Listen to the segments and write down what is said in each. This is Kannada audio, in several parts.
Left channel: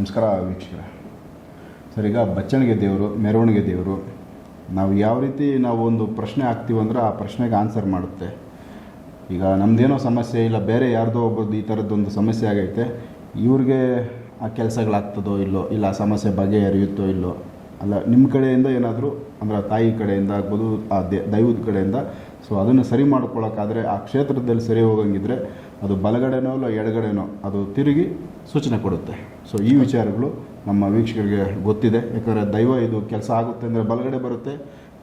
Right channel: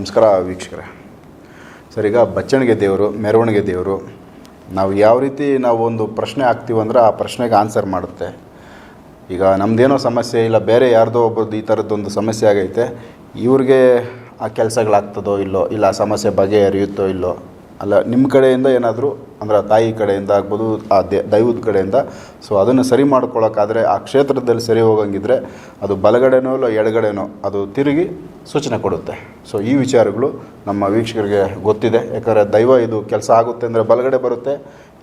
ನಮಸ್ಕಾರ ವೀಕ್ಷಕರೇ. ಸರ್, ಈಗ ಬಚ್ಚಣಿಗೆ ದೇವರು, ಮೆರವಣಿಗೆ ದೇವರು, ನಾವು ಯಾವ ರೀತಿ ನಾವು ಒಂದು ಪ್ರಶ್ನೆ ಹಾಕ್ತೀವಂದ್ರೆ ಆ ಪ್ರಶ್ನೆಗೆ ಆನ್ಸರ್ ಮಾಡುತ್ತೆ. ಈಗ ನಮ್ಮದೇನೋ ಸಮಸ್ಯೆ ಇಲ್ಲ, ಬೇರೆ ಯಾರ್ದೋ ಒಬ್ಬರದ್ದು ಈ ಥರದ್ದೊಂದು ಸಮಸ್ಯೆ ಆಗೈತೆ, ಇವ್ರಿಗೆ ಆ ಕೆಲಸಗಳಾಗ್ತದೋ ಇಲ್ಲೋ, ಇಲ್ಲ ಆ ಸಮಸ್ಯೆ ಬಗೆಹರಿಯುತ್ತೋ ಇಲ್ಲೋ, ಅಲ್ಲ ನಿಮ್ಮ ಕಡೆಯಿಂದ ಏನಾದರೂ ಅಂದರೆ ತಾಯಿ ಕಡೆಯಿಂದ ಆಗ್ಬೋದು, ಆ ದೈವದ ಕಡೆಯಿಂದ ಸೊ ಅದನ್ನು ಸರಿ ಮಾಡ್ಕೊಳ್ಳೋಕ್ಕಾದರೆ ಆ ಕ್ಷೇತ್ರದಲ್ಲಿ ಸರಿ ಹೋಗಂಗಿದ್ರೆ ಅದು ಬಲಗಡೆನೋ ಇಲ್ಲ ಎಡಗಡೆನೋ ಅದು ತಿರುಗಿ ಸೂಚನೆ ಕೊಡುತ್ತೆ. ಸೊ ಈ ವಿಚಾರಗಳು ನಮ್ಮ ವೀಕ್ಷಕರಿಗೆ ಗೊತ್ತಿದೆ. ಯಾಕಂದರೆ ದೈವ ಇದು ಕೆಲಸ ಆಗುತ್ತೆ ಅಂದರೆ ಬಲಗಡೆ ಬರುತ್ತೆ,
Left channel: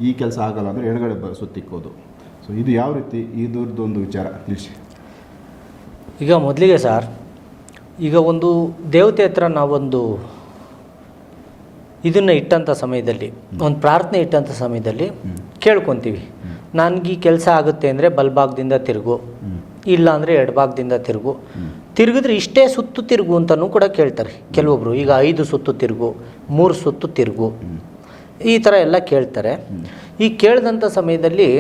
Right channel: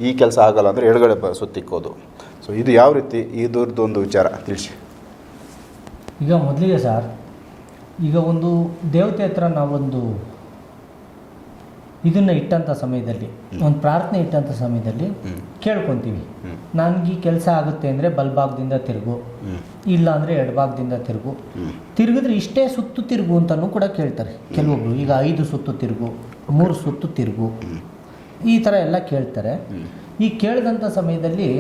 ಈ ಕೆಲಸ ಆಗಲ್ಲ ಅಂದರೆ ಎಡಗಡೆ ಸುತ್ತಿಕ್ಕೋದು. ಸೊ ಇದು ಯಾವ ರೀತಿ ಇದರದ್ದು ಒಂದು ವಿಚಾರ ತಿಳಿಸಿ. ಈಗ ಮೊದಲಿಗೆ ಸರ್, ಈಗ ಒಂದು ದೇವತೆ ಹತ್ರ ನಾವೊಂದು ಇದನ್ನು ಇಟ್ಟಂಥ ಸಮಯದಲ್ಲಿ, ಒಂದು ಪ್ರಾರ್ಥನೆ ಇಟ್ಟಂಥ ಸಮಯದಲ್ಲಿ ಕೇಳ್ಕೊತೀವಿ, ನನಗೆ ಈ ಕೆಲಸ ಆಗುತ್ತೆ ಅಂದರೆ ಬಲಭಾಗದಿಂದ ತಿರುಗು, ಇಲ್ಲ ಅಂದರೆ ಎಡಭಾಗದಿಂದ ತಿರುಗು, ತಿರುಗಿದ್ರೆ ಇಷ್ಟೇ ಸುತ್ತು ತಿರುಗು ಅಂತಲೂ ಕೂಡ ಕೇಳ್ತಾರೆ ಕೆಲವೊಬ್ಬರು. ಈಗ 5 ಸುತ್ತು ತಿರುಗು, 3 ಸುತ್ತು ತಿರುಗು, ಈ ಥರ ಎಲ್ಲ ಕೇಳ್ತಾರೆ. ಈ ಕೇಳಿದಂಥ ಸಮಯದಲ್ಲಿ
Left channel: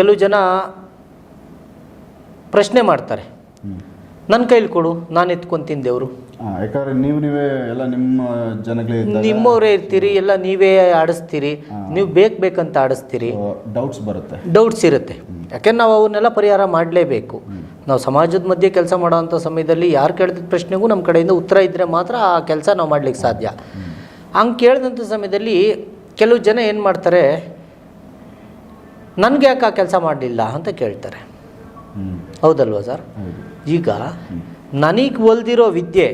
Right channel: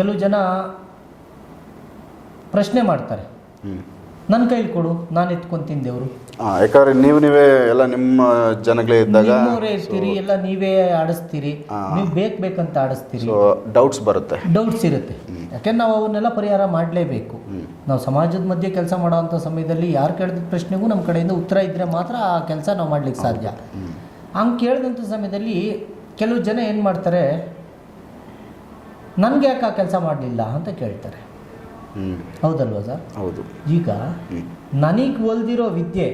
ಕೆಲವು ಜನ ಪ್ರಶ್ನೆ ಮಾಡ್ತಾರೆ, ನನ್ನ ಕೈಲಿ ಕೊಡು, ನಾನು ಎತ್ಕೊಂತೀನಿ ದೇವರು. ಯಾಕಂದ್ರೆ ನೀವೇ ಎಲ್ಲ ನಿಮ್ಮ ಜನಗಳೇ ಇದ್ದಾಗ ನಿಮ್ಮವರೇ ಇರ್ತೀರಿ, ಎಲ್ಲ ನೀವೇ ಆಡಿಸ್ತೀರಿ, ನೀವು ಬೇಕಂತ ಆಡಿಸ್ತೀರಿ, ಡೌಟ್ಸ್ ಇರುತ್ತೆ. ಯಾಕೆಂದ್ರೆ ನಾವು ಅವನ್ನೆಲ್ಲ ಪರಿಹಾರ ಮಾಡಲೇಬೇಕು. ನಾವು ಸಮಾಜದ ಮಧ್ಯೆ ಕೆಲಸ ಮಾಡೋವಂಥ ಸಮಯದಲ್ಲಿ ಯಾರು ಕೇಳಿದ ಪ್ರಶ್ನೆಗೂ ನಮ್ಮ ಕಡೆಯಿಂದ ಉತ್ತರ ಇದ್ದರೆ ಮಾತ್ರ ಆ ಕೆಲಸ ನಾವು ಮಾಡ್ಲಿಕ್ಕೆ ಸಾಧ್ಯ. ಹಂಗೆ ಕೇಳಿದಂಥ ಸಮಯದಲ್ಲಿ ಕೆಲವು ಜನ ಏನು ಮಾಡ್ತಾರೆ, ನನಗೆ ಯಾಕೆ ಆ ಕೆಲಸ ಮಾಡಲಿಲ್ಲ ಅಂತ ಕೇಳ್ತಾರೆ. ಹೌದಲ್ವಾ ಸರ್? ಹೌದು. ಈಗ ನನಗೆ ಒಲ್ದಿರೋ ವಿದ್ಯೆ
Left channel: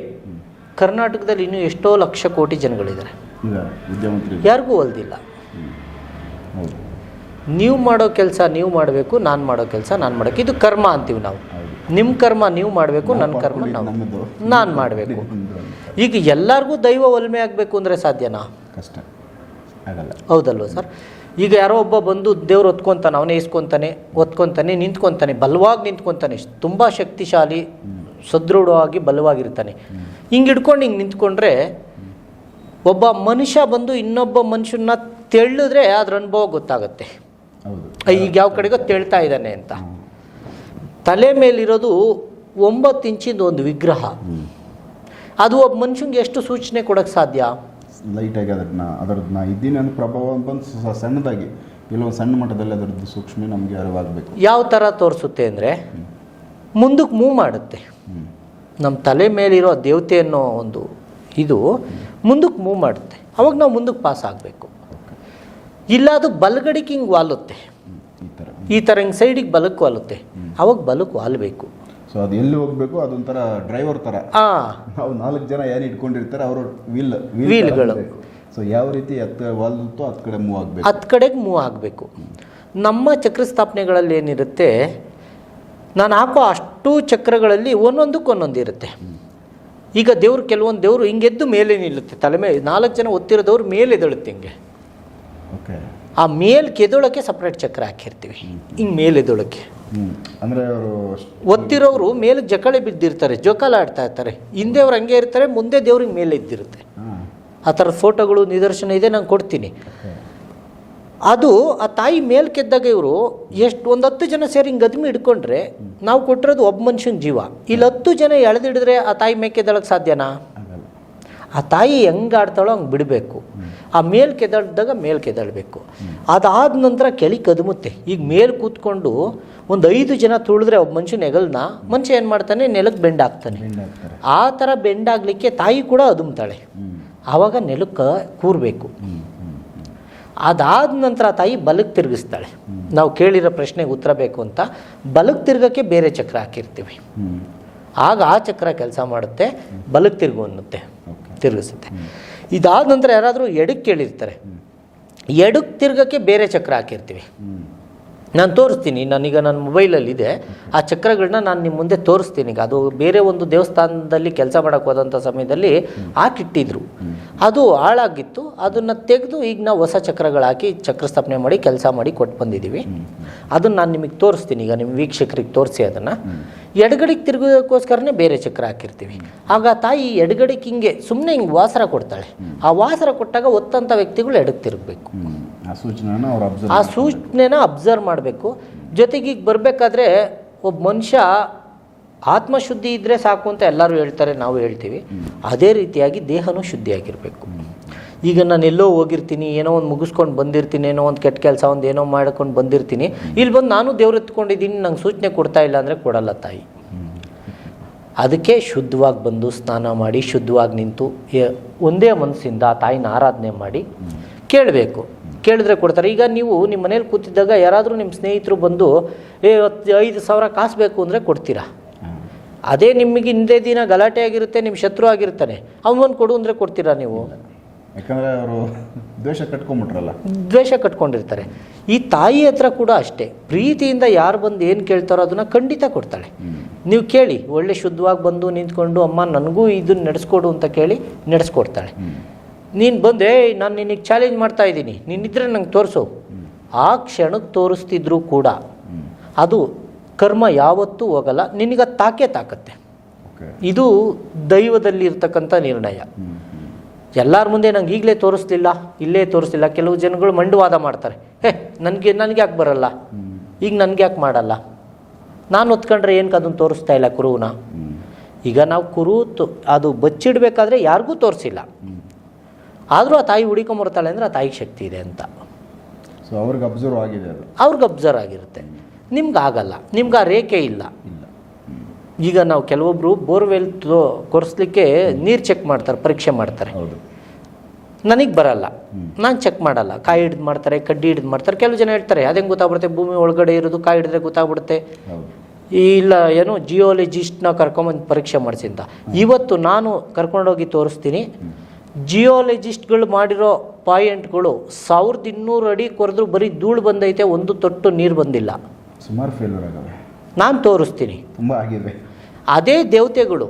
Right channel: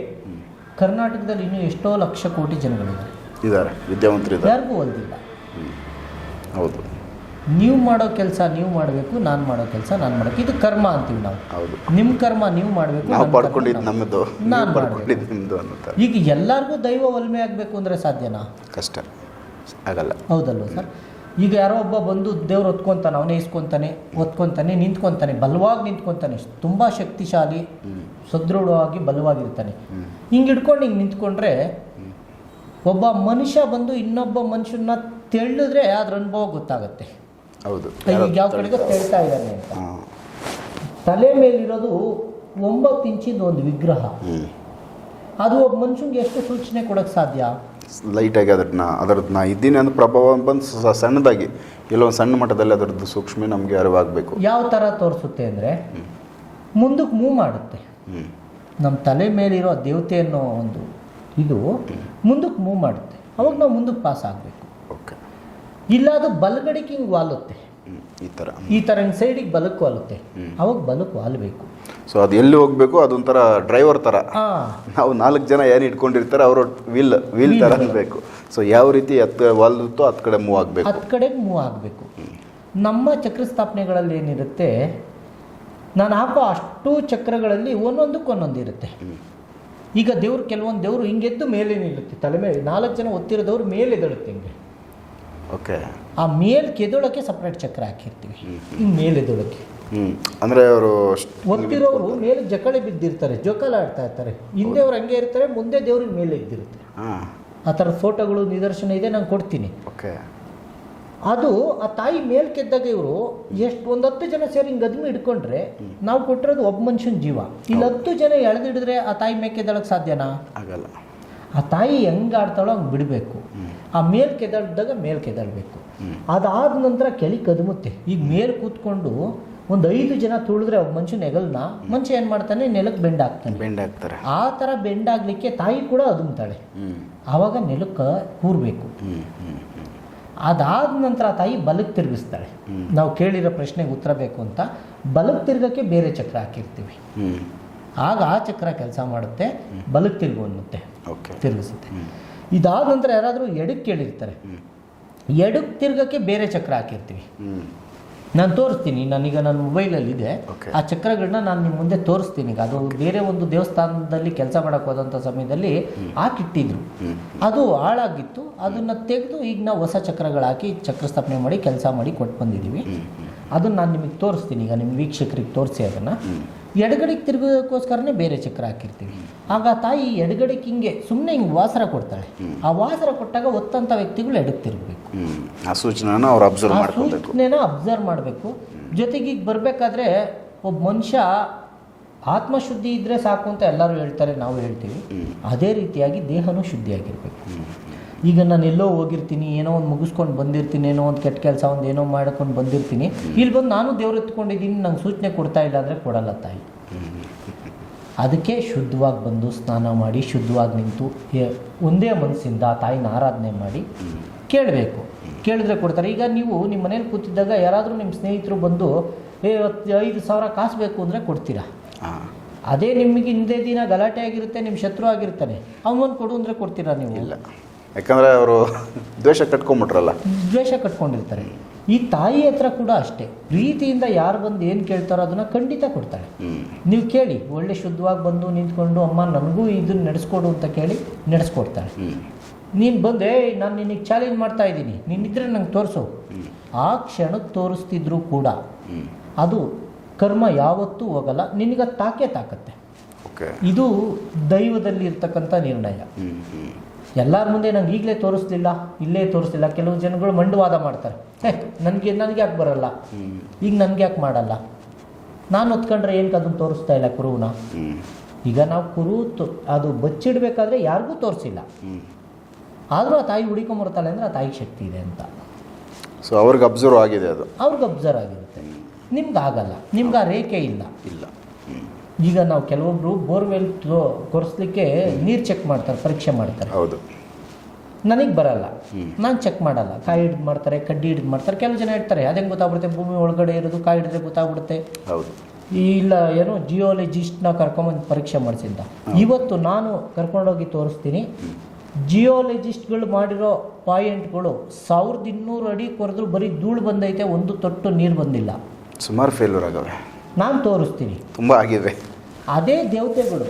ಕರ್ನಾಟಕದಲ್ಲಿ ಇನ್ನೂ ಎಷ್ಟೋ ಲಕ್ಷ ಕೋಟಿ ಜನಗಳಿದ್ದಾರೆ, ವಿದ್ಯಾವಂತರು, ಯಾರಿಗೂ ಒಲ್ದಿಲ್ಲ. ಹೌದು. ನೀವು ಮಾಡೋ ಕೆಲಸ ನೀವು ಮಾಡಬೇಕು, ನಾನು ಮಾಡೋ ಕೆಲಸ ನಾನು ಮಾಡಬೇಕು. ಇದು ಕರ್ಮ ಅಂತೀವಿ ನಾವು. ನಿಮ್ಮ ಕರ್ಮ ನೀವು ಮಾಡಬೇಕು, ನನ್ನ ಕರ್ಮ ನಾನು ಮಾಡಬೇಕು. ಈಗ ಎಲ್ಲರಿಗೂ ದೈವ ಒಲ್ಮೆ ಆಗಬೇಕು ಅಂದರೆ ಸಾಧ್ಯನಾ? ಕಷ್ಟ ಆಗಲ್ಲ. ಹೌದಲ್ವ ಸರ್? ಈಗ ಯಾರೋ ಒಬ್ಬ ಬಂದು ದೇವ್ರು ಒತ್ಕೊತಾನೆ, ಅವನೇ ಒತ್ಕೊತಾನೆ, ನಿಂತ್ಕೊತಾನೆ, ಬಲವಾಗಿ ನಿಂತ್ಕೊತಾನೆ, ತುಂಬ ಶಕ್ತಿಶಾಲಿ, ಸದೃಢವಾಗಿ ಬಲವಾಗಿರ್ತಾನೆ. ಹಿಂಗೆ ಹಿಡ್ಕೊಂಡು ಹಿಂಗೆ ನಿಂತ್ಕೊಂಡ್ರೆ ಒಬ್ಬ ಮನುಷ್ಯ ಬಂದು ಇನ್ನೊಬ್ಬ ಮನುಷ್ಯನ ತೆಳ್ಳಿದ್ರೆ ಅದ್ರ ಅನುಭವ ಗೊತ್ತಾಗುತ್ತೆ. ಹೌದು, ಈಗ ಯಾವ ಕಡೆಗೋ ತೆಳ್ತಾ ಇದ್ದಾನೆ ಅಂತ. ತಲೆ ಮೇಲಿರೋದು 9 ಇಂಚಿಂದು ಒಂದು ವಿಗ್ರಹ, ಅದು ಒಬ್ಬ ಮನುಷ್ಯನಿಗೆ ಎಷ್ಟು ಸೂಚನೆ ಕೊಡೋಕ್ಕೆ ಸಾಧ್ಯ? ಲೈಟಾಗಿ ಅದರದ್ದು ನಾ ಇದ್ದೀನಿ ಅಂದ್ರೆ ಪ್ರಭಾವ ಬಂದು ಸಣ್ಣದಾಗಿ ಎಲ್ಲೊಂದು ಸಣ್ಣ ಮಟ್ಟದಲ್ಲಿ ಅದರದ್ದು ಸೂಕ್ಷ್ಮ ನಮಗೆ ಅರಿವಾಗಬೇಕು. ಯಾವ ಥರ ತೋರಿಸುತ್ತೆ ಅಂದರೆ ಮುಂದಕ್ಕೆ ಮೂವ್ ಮಾಡುತ್ತೆ. ನಮ್ಮ ತಲೆ ಮೇಲಿರೋ ದೇವತೆ ಅನ್ನೋ ಒಂದು ಇದು ಮುಂದಕ್ಕೆ ಮೂವ್ ಮಾಡುತ್ತೆ, ಅವಾಗ ನಾವು ಮುಂದಕ್ಕೆ ಪಾಸ್ ಆಗಬೇಕು. ಇಲ್ಲ ಅದು ಬಲಗಡಿಗೆ ಹಿಂಗೆ ವಾಲುತ್ತೆ, ಈ ಥರ ಹಿಂಗೆ ಸೈಡಿಗೆ ಬಲಕ್ಕೆ ವಾಲುತ್ತೆ, ಅವಾಗ ಬಲಕ್ಕೆ ವಾಲಬೇಕು. ಸೊ ಅದು ಎಲ್ಲಿ ಹೋಗಬೇಕು, ಅದೊಂಥರ ಡ್ರೈವರ್ ಥರ. ನಾವು 4 ಜನ ಏನು ಇಟ್ಕೊಂಡಿರ್ತಾರೆ, ಅವರು ವೀಲ್ ಬೇಕು. ಸೊ ಯಾವ ರೀತಿ ವಾಲ್ದುತ್ತೋ ಹತ್ತು ಕಡೆ ಮೂವ್ ಆಗಬೇಕು, 10 ಕಡೆಗೆ ಮೂವ್ ಆಗಬೇಕು. ನಮ್ಮ ಚಕ್ರ ಸ್ಥಾಪನೆಗಳಲ್ಲಿ ಏನಿರುತ್ತೆ, ನಾನು ಹಾಕೋ ಅಷ್ಟು ಚಕ್ರಗಳಲ್ಲಿ ಒಂದೊಂದಕ್ಕೆ ಇರುತ್ತೆ. ಈಗ ದೇವ್ರು, ಕೆಲವೊಂದು ದೇವರು ಹಿಂಗೆದ್ದು ಮೇಲೆ ನಿಲ್ಲುತ್ತೆ, ತಲೆ ಮೇಲೆ 4 ಜನ ಒತ್ತಿರೋದವ್ರು ಮೇಲೆ ಎದಳುತ್ತೆ ಹಿಂಗೆ. ಓಕೆ. ಆ ಮೇಲೆ ಕೆದೊಳಕ್ಕೆ ಸಪ್ರೇಟ್ ಚಕ್ರ ಹಾಕಿರ್ತೀವಿ, ಹಿಂಗೆ ಮೇಲೆ ಎದೊಳಕ್ಕೆ. ಅಂದರೆ ಅವರು ಒತ್ತಿರೋರು ಮೇಲೆ ಜಕಳೆ ಬಿದ್ದಿರ್ತಾರೆ, ಜೋಕಾಲ ಆಡ್ತಾ ಇರ್ತಾರೆ, ಹಿಂದೆ ಅವ್ರು ಹಂಗೆ ಇರ್ತಾರೆ, ಮುಂದೆ ದೇವ್ರಿಗೆ ಮೇಲೆ ಇದ್ದಿರುತ್ತೆ. ಆ ಥರದ ಫೋಟೋಗಳು ನಿದರ್ಶನ ಇದೆ, ನಾನು ಕೊಡ್ತೀನಿ. ಅದು ಆ ತಾಯಿ ಮೇಲೆ ಕೆದ್ದಾಗ ಇವರು ಎಷ್ಟು ಒಂದು 10 ಜನ ಸೇರಿ ಹಿಂಗೆ ಗದ್ಮಿ ಹಿಡ್ಕೊಂಡ್ರೆ ನಾವು ಕೊಟ್ಟಿರೋದು ಒಬ್ಬ ಮನುಷ್ಯನ ಜೀವ. ಇಲ್ಲಿ 10 ಜನ ಎಳೆದಿಡಿದ್ರೆ ಆ ತಾಯಿ ಮೇಲ್ಕೆದಳಕ್ಕೆ ಸಾಧ್ಯನಾ? ಆಗಲ್ಲ. ಆ ತಾಯಿ ಹೆಂಗೆ ಆಡ್ತಾಳೋ ಹಂಗೆ ಬಿಡಬೇಕು. ಆ ಮೇಲೆ ಕೆದಳ್ದಾಗ ಮೇಲೆ ಕೆದಳಬೇಕು. ಅದಾದ ನಂತರ ಕೆಳಿ ಕದಮುತ್ತೆ. ಈಗ ಮೇಲೆ ಕೂತ್ಕೊಂಡು ಒಂದು 5 ಜನ ತುಳಿದ್ರೆ ಒಬ್ಬ ಮನುಷ್ಯನ ಹೆಗಲ್ನ ಮನುಷ್ಯ ಏನು ಮಾಡ್ತಾನೆ, ನೆಲಕ್ಕೆ ಬೆಂಡ್ ಆಗ್ತಾನೆ. ಆ ಥರ ಬೆಂಡ್ ಆಗಲಿಕ್ಕೆ ತಾಯಿ ಕೂಡ ಅದುಮ್ತಾಳೆ, ಆವಾಗ ನೆಲಕ್ಕೆ ಕೂರಬೇಕು. ಅದಾದ ನಂತರ ತಾಯಿ ಬಲಕ್ಕೆ ತಿರುಗಿಸ್ತಾಳೆ. ನಾವು ಕೇಳಿರೋ ಪ್ರಶ್ನೆಗೆ ಉತ್ತರ ಬೇಕು ಅಂತ ಬಲಕ್ಕೆ ತಿರ್ಗೋಕ್ಕೆ ಬೇರೆ ಚಕ್ರ ಹಾಕಿರ್ತೀವಿ, ಆಗ ಆ ಚಕ್ರ ಕೆಲಸ ಮಾಡುತ್ತೆ, ಬಲಕ್ಕೆ ತಿರುಗು ಅನ್ನುತ್ತೆ, ತಿರುಗಿಸುತ್ತೆ. ಇದಾದ ನಂತರ ಯಾರಾದರೂ ಎಡಕ್ಕೆ ಕೇಳಿರ್ತಾರೆ, ಎಡಕ್ಕೆ ತಿರ್ಗೋಕ್ಕೆ ಬೇರೆ ಚಕ್ರ ಹಾಕಿರ್ತೀವಿ. ನಾನು ತೋರಿಸ್ತೀನಿ, ನಾನೀಗ ನನ್ನ ಮೊಬೈಲಲ್ಲಿದೆ, ಆ ಚಕ್ರಗಳನ್ನ ನಾನು ನಿಮ್ಮ ಮುಂದೆ ತೋರಿಸ್ತೀನಿ. ಈಗ ಅದು ಬೇರೆ ಒಂದು ದೇವಸ್ಥಾನದಲ್ಲಿ ಕೆಲಸ ಮಾಡೋಕ್ಕೆ ಹೋದಂಥ ಸಮಯದಲ್ಲಿ ಹಾಕಿಟ್ಟಿದ್ರು, ಅದು ಹಾಳಾಗಿತ್ತು, ಅದನ್ನು ತೆಗೆದು ಈಗ ನಾವು ಹೊಸ ಚಕ್ರಗಳು ಹಾಕಿ ಚಕ್ರ ಸ್ಥಾಪನೆ ಮಾಡಿ ಕೆಲಸ ಮಾಡಿ ಕೊಟ್ಟು ಬಂದಿದ್ದೀವಿ. ಅದನ್ನು ನಾನು ನಿಮಗೆ ತೋರಿಸ್ತೀನಿ, ಈಗ ನಿಮ್ಮ ವೀಕ್ಷಕರಿಗೆ ತೋರಿಸಿ. ಅದನ್ನು ಎಡಗಡೆಗೆ ತಿರುಗೋದಕ್ಕೋಸ್ಕರನೇ ಬೇರೆ ಚಕ್ರ ಹಾಕಿರ್ತೀವಿ. ಆಗ ತಾಯಿ ಎಡಗಡೆಗೆ ಹಿಂಗೆ ಸುಮ್ಮನೆ ಹಿಂಗೆ ವಾಸರ ಕೊಡ್ತಾಳೆ. ಆ ವಾಸರ ಕೊಟ್ಟಾಗ ಒತ್ತಂಥ ವ್ಯಕ್ತಿಗಳು ಎಡಕ್ಕೆ ತಿರುಗಬೇಕು. ಆ ಸೂಚನೆನ ಅಬ್ಸರ್ವ್ ಮಾಡಬೇಕು. ಜೊತೆಗೆ ಈಗ ಬರಬೇಕಾದ್ರೆ ಒಬ್ಬ ಮನುಷ್ಯ ಆತ್ಮಶುದ್ಧಿ ಇದ್ದರೆ ಸಾಕು ಅಂತ ಎಲ್ಲರೂ ಹೇಳ್ತಾರೆ, ನಾವು ಹೇಳ್ತೀವಿ. ಅದೇ ರೀತಿಯಾಗಿ ದೇಹನೂ ಶುದ್ಧಿಯಾಗಿರಬೇಕು. ಈಗ ನಾನು ಎಲ್ಲೋ ಹೋಗಿರ್ತೀನಿ, ಏನೋ ಒಂದು ಮುಗಿಸ್ಕೊಂಡು ಬಂದಿರ್ತೀನಿ, ಏನೋ ಒಂದು ಕೆಟ್ಟ ಕೆಲಸ ಒಂದು ಏನೋ ಮಾಡ್ಕೊಂಡು ಬಂದಿರ್ತೀನಿ, ಇಲ್ಲಿ ಬಂದು ನಾನು ದೇವ್ರು ಎತ್ಕೊಂಡಿದ್ದೀನಿ, ನಂಗೆ ಸೂಚನೆ ಕೊಡ್ತಾ ಇಲ್ಲ ಅಂದರೆ ಕೊಡಲ್ಲ ತಾಯಿ. ಅದಕ್ಕೆ ಶುದ್ಧವಾಗಿ ಬಂದು ಸ್ನಾನ ಮಾಡಿ ಶುದ್ಧವಾಗಿ ನಿಂತು ಒಂದೇ ಮನಸ್ಸಿಂದ ಆ ತಾಯಿನ ಆರಾಧನೆ ಮಾಡಿ ಕೇಳಬೇಕು. ಕೇಳಿದ್ರೆ ಕೊಡ್ತಾರೆ. ಈಗ ನೀವು ನಿಮ್ಮ ಮನೇಲಿ ಕೂತಿದ್ದಾಗ ಯಾರಾದರೂ ನಿಮ್ಮ ಸ್ನೇಹಿತರು ಬಂದು 5,000 ಕಾಸು ಬೇಕು ಅಂದರೆ ಕೊಡ್ತೀರಾ. ಅದೇ ನಿಮಗೆ ಹಿಂದೆ ದಿನ ಗಲಾಟೆ ಆಗಿರುತ್ತೆ, ನಿಮ್ಮ ಶತ್ರು ಆಗಿರ್ತಾನೆ, ಅವನು ಕೊಡು ಅಂದರೆ ಕೊಡ್ತೀರಾ ನೀವು? ಇಲ್ಲ, ಯಾಕಂದರೆ ಅವರು ದ್ವೇಷ ಕಟ್ಕೊಂಬಿಟ್ರಲ್ಲ. ದ್ವೇಷ ಕಟ್ಕೊಂಡಿರ್ತಾರೆ. ಈ ತಾಯಿ ಹತ್ರ ಕೂಡ ಅಷ್ಟೇ, ಪ್ರೀತಿಯಿಂದ ಯಾರು ಬಂದು ಏನು ಕೇಳ್ತಾರೋ ಅದನ್ನು ಖಂಡಿತ ಕೊಡ್ತಾಳೆ. ನೀವು ಕೇಳಿ, ಒಳ್ಳೆ ಶುದ್ಧವಾಗಿ ಬಂದು ನಿಂತ್ಕೊಂಡು ಅಮ್ಮ ನನಗೂ ಇದನ್ನು ನಡೆಸ್ಕೊಡು ಅಂತ ಕೇಳಿ ನಡೆಸ್ಕೊಡ್ತಾಳೆ. ನೀನು ಬಂದೆ ನಾನು ನಿನಗೆ ಚಾಲೆಂಜ್ ಮಾಡ್ತಾ ಇದ್ದೀನಿ, ನೀನಿದ್ರೆ ನಂಗೆ ತೋರಿಸು, ಆ ಕ್ಷಣಕ್ಕೆ ತೋರಿಸ್ತಿದ್ರು ಕೂಡ ಅದು ಕರ್ಮ ಯಾವತ್ತೂ ಹೋಗಲ್ಲ, ನಿನಗೆ ತಾಕತ್ತೆ. ಇದು ದೈವದಲ್ಲಿ ಇರ್ತಕ್ಕಂಥ ನಿರ್ಣಯ. ಎಲ್ಲರ ಮುಂದೆ ನಂಗೆ ಈಗಲೇ ತೋರಿಸ್ಲಿಲ್ಲ, ಇಲ್ಲೇ ತೋರಿಸ್ಲಿಲ್ಲ. ಕೆಲವು ಜನಗಳು ಮಂಡವಾದ ಮಾಡ್ತಾರೆ, ನನಗೆ ಯಾಕೆ ಬರಲ್ಲ, ಈಗ ನನಗೆ ಯಾಕೆ ಮಾಡಲ್ಲ, ನಾನು ಹೊತ್ಕೊಂಡ್ರೆ ಏನಕ್ಕೆ ಅದನ್ನು ತೋರಿಸ್ತಾ ಇಲ್ಲ ಕುರುವನ್ನ. ಈಗ ನಾವು ಕುರು ಅದು ಬಚ್ಚಿಡಬೇಕಾದ್ರೆ ಯಾರಿಗೂ ತೋರಿಸಿಲ್ಲ, ಆದರೂ ಆ ತಾಯಿ ಹುಡಿಕೊಂಬರ್ತಾಳೆ ಅಂದರೆ ಆ ತಾಯಿಗೆ ಶಕ್ತಿ ಇದೆ ಅಂತ. ಸೊ ಅವ್ರಿಗೆ ಅಬ್ಸರ್ವ್ ಆಗಿದೆ, ಅದು ಅವ್ರಿಗೆ ಅಬ್ಸರ್ವ್ ಆಗಿರುತ್ತೆ. ನಿಮ್ಗೆ ಆಗಲ್ಲ, ನಿಮ್ಗೆ ಆ ರೇಖೆ ಇಲ್ಲ. ಈಗ ನಾವು ಕೆಲವೊಬ್ಬರು ಬೋರ್ವೆಲ್ ಕೊರೆಸ್ಲಿಕ್ಕೆ ನೀರು ಚೆಕ್ ಮಾಡ್ತಾರೆ, ಪರೀಕ್ಷೆ ಮಾಡ್ತಾರೆ. ಹೌದು, ನನಗೆ ಬರಲ್ಲ, ನಾನು ಚೆಕ್ ಮಾಡಲ್ಲ. ಕಾಯಿ ಹಿಡಿದು ಮಾಡ್ತಾರೆ, ಕಡ್ಡಿ ಹಿಡಿದು ಮಾಡ್ತಾರೆ. ಕೆಲವು ಜನ ಹೇಳ್ತಾರೆ ಅದೇಂಗೆ ಗೊತ್ತಾಗ್ಬಿಡುತ್ತೆ, ಭೂಮಿ ಒಳಗಡೆ ಇರೋದು ಕಾಯಿ ಹಿಡಿದ್ರೆ ಗೊತ್ತಾಗ್ಬಿಡುತ್ತೆ. ಹೌದು, ಇಲ್ಲ ಏನೋ ಜಿಯೋಲಜಿಸ್ಟ್ನ ಕರ್ಕೊಂಬಂದು ಪರೀಕ್ಷೆ ಮಾಡಿಸಿದ್ದ. ಇವತ್ತು ನಾನು ಕರ್ಕೊಂಡೋಗಿ ತೋರಿಸ್ತೀನಿ, ಜಿಯೋಲಜಿಸ್ಟ್ಗಳು ಮಾಡಿರೋ ಪಾಯಿಂಟ್ಗಳು 1200 ಅಡಿ ಕೊರೆದ್ರು ಬರೀ ಧೂಳು ಬಂದೈತೆ, ಒಂದು ತೊಟ್ಟು ನೀರು ಬಂದಿಲ್ಲ. ಸುಮಾರು ಫೇಲ್ಯೂರ್ ಆಗವೆ. ನಾನು ತೋರಿಸ್ತೀನಿ, ತುಂಬ ಆಗಿದೆ. ಅದೇ ದೇವತೆಗಳು